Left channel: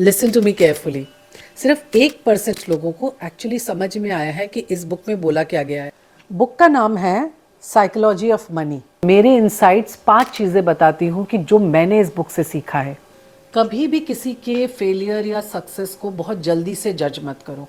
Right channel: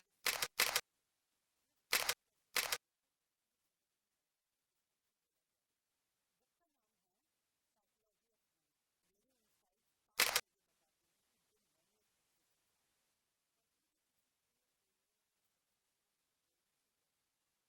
Listen to me carefully. सिर्फ 1% लोगों को एक्चुअली समझ में आया है कि इस बुक में बोला क्या गया है। बुक का नाम है साइकोलॉजी ऑफ मनी। मेरे इनसाइट्स 5 चीज़ें बताती हूँ कि जो मैंने इस बुक से सीखा है। कभी भी किसी के फेलियर या सक्सेस को बहुत जल्दी से जज मत करो।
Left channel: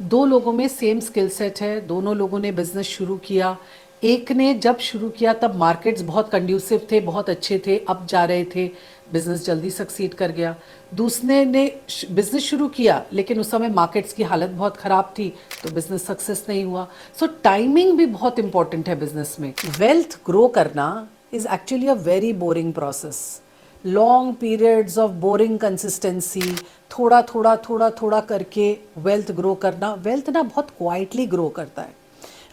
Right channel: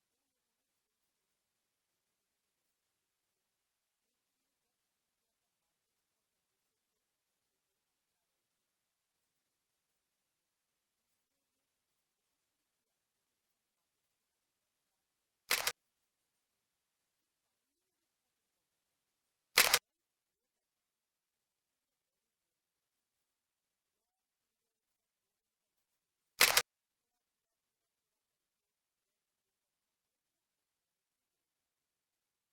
दो लोगों में सेम स्किल सेट है, दोनों लोगों ने बिजनेस शुरू किया। एक ने जब शुरू किया तब मार्केट्स बहुत कंड्यूसिव थे, बहुत अच्छे थे, अब जा रहे थे, बिजनेस जल्दी सक्सीड कर गया। दूसरे ने बिजनेस शुरू किया लेकिन उस समय मार्केट्स की हालत बहुत ख़राब थी, तो बिजनेस सक्सेस नहीं हुआ। सो टाइमिंग भी बहुत इंपॉर्टेंट है बिजनेस में। वेल्थ ग्रो करना is actually a very boring process. Long periods of boring consistency, थोड़ा थोड़ा थोड़ा थोड़ा करके वेल्थ ग्रो करना। वेल्थ ना बहुत क्वाइटली ग्रो करता है।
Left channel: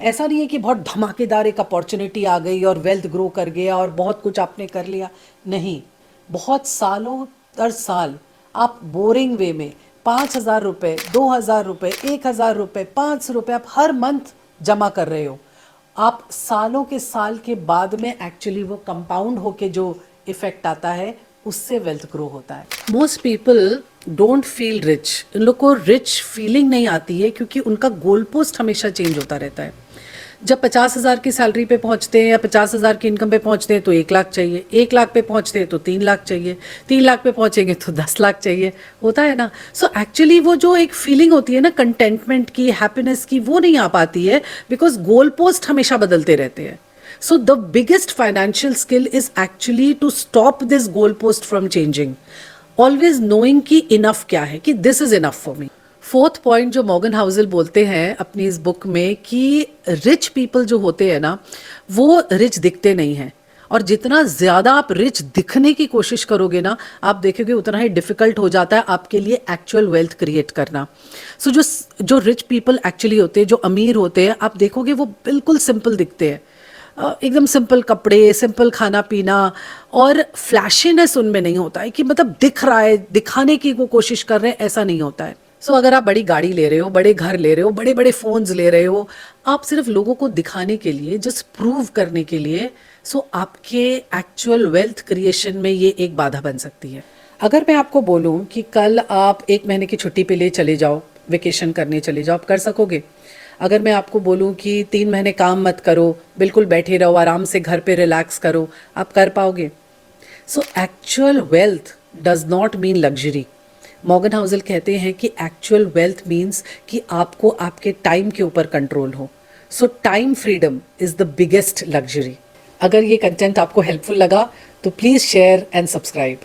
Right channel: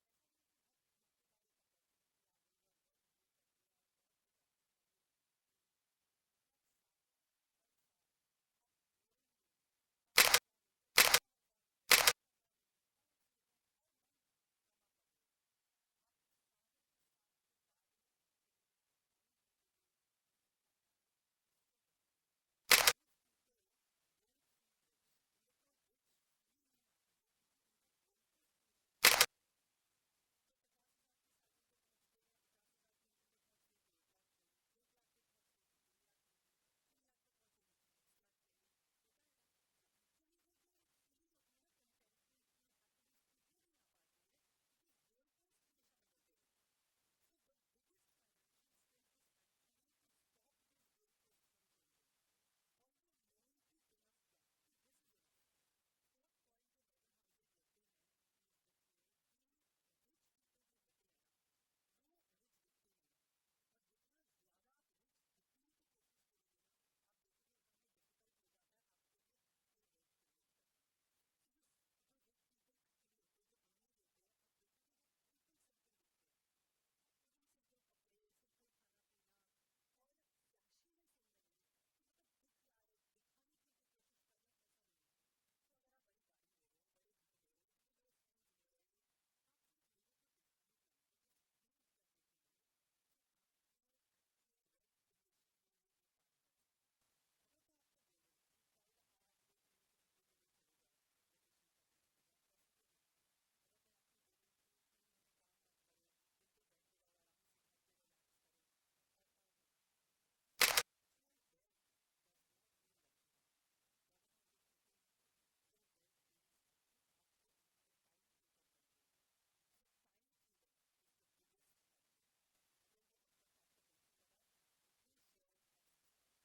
ऐसा नहीं है कि बहुत धमाकेदार एक अपॉर्चुनिटी आ गई और वेल्थ ग्रो कर गया और बहुत कुछ आपने कर लिया। नहीं, बहुत सालों दर साल आप बोरिंग वे में 5,000 रुपये, 2,000 रुपये, 1,000 रुपये, 5 रुपये आप हर मंथ जमा कर रहे हो। आप सालों के साल के बाद में एक्चुअली वो कंपाउंड होके जो इफेक्ट आता है, उससे वेल्थ ग्रो होता है। Most people don't feel rich. इन लोग को रिच फीलिंग नहीं आती है क्योंकि उनका गोल पोस्ट हमेशा चेंज होता रहता है। जब 50,000 की सैलरी पे पहुंचते हैं या 50,000 की इनकम पे पहुंचते हैं तो 1 लाख चाहिए, 1 लाख पे पहुंचते हैं तो 3 लाख चाहिए, 3 लाख पे पहुंचेंगे तो 10 लाख चाहिए। होता है ना। सो एक्चुअली वो जो एक फीलिंग होती है ना कंटेंटमेंट की, हैप्पीनेस की, वो नहीं आ पाती है बिकॉज गोल पोस्ट हमेशा बदलते रहते हैं। So the biggest financial skill is actually to stop this goalpost from changing. Always knowing कि enough क्या है, कि this is enough for me. Fourth point जो मॉर्गन हाउसल बोलते हैं अपनी इस बुक में कि रिच पीपल जो होते हैं ना, वो रिच दिखते नहीं हैं। और जितना ज़्यादा आप रिच दिखने की कोशिश करोगे ना, आप देखोगे उतना ही डिफ़िकल्ट हो जाता है आपके लिए एक्चुअल वेल्थ क्रिएट करना। सो जो जो रिच पीपल एक्चुअली होते हैं, जो अमीर होते हैं, आप देखोगे वो बिल्कुल सिंपल दिखते हैं। एकदम सिंपल कपड़े, सिंपल खाना पीना, और फ्लैशीनेस उनमें नहीं होता है कि मतलब दिख रहा है, दिखाने की वो कोशिश कर रहे हैं, ऐसा नहीं होता है। सो अगर आप बड़ी गाड़ी ले रहे हो, बड़े घर ले रहे हो, बड़े बड़े फोन्स ले रहे हो, आप सिर्फ लोगों को दिखाने के लिए, जस्ट प्रूव करने के लिए, सो आपके एक्चुअल वेल्थ क्रिएशन में ये एक बाधा बन सकती है। अगर मैं आपको बोलूं कि कल आप 1 महीने की छुट्टी पे ले चले जाओ, वेकेशन करने चले जाओ, आप कर सकोगे? अगर मैं आपको बोलूं कि 3 महीने काम मत करो, बिल्कुल बैठे रहो, आराम से घर पे रिलैक्स करो, आप कर पाओगे? So actual wealth does not mean luxury. Morgan Housel कहते हैं कि एक्चुअल वेल्थ मीन्स कि आपको आपके टाइम के ऊपर कंट्रोल हो। सो time freedom is the biggest luxury. अगर ये कंटेंट आपको हेल्पफुल लगा तो प्लीज़ शेयर एंड सब्सक्राइब।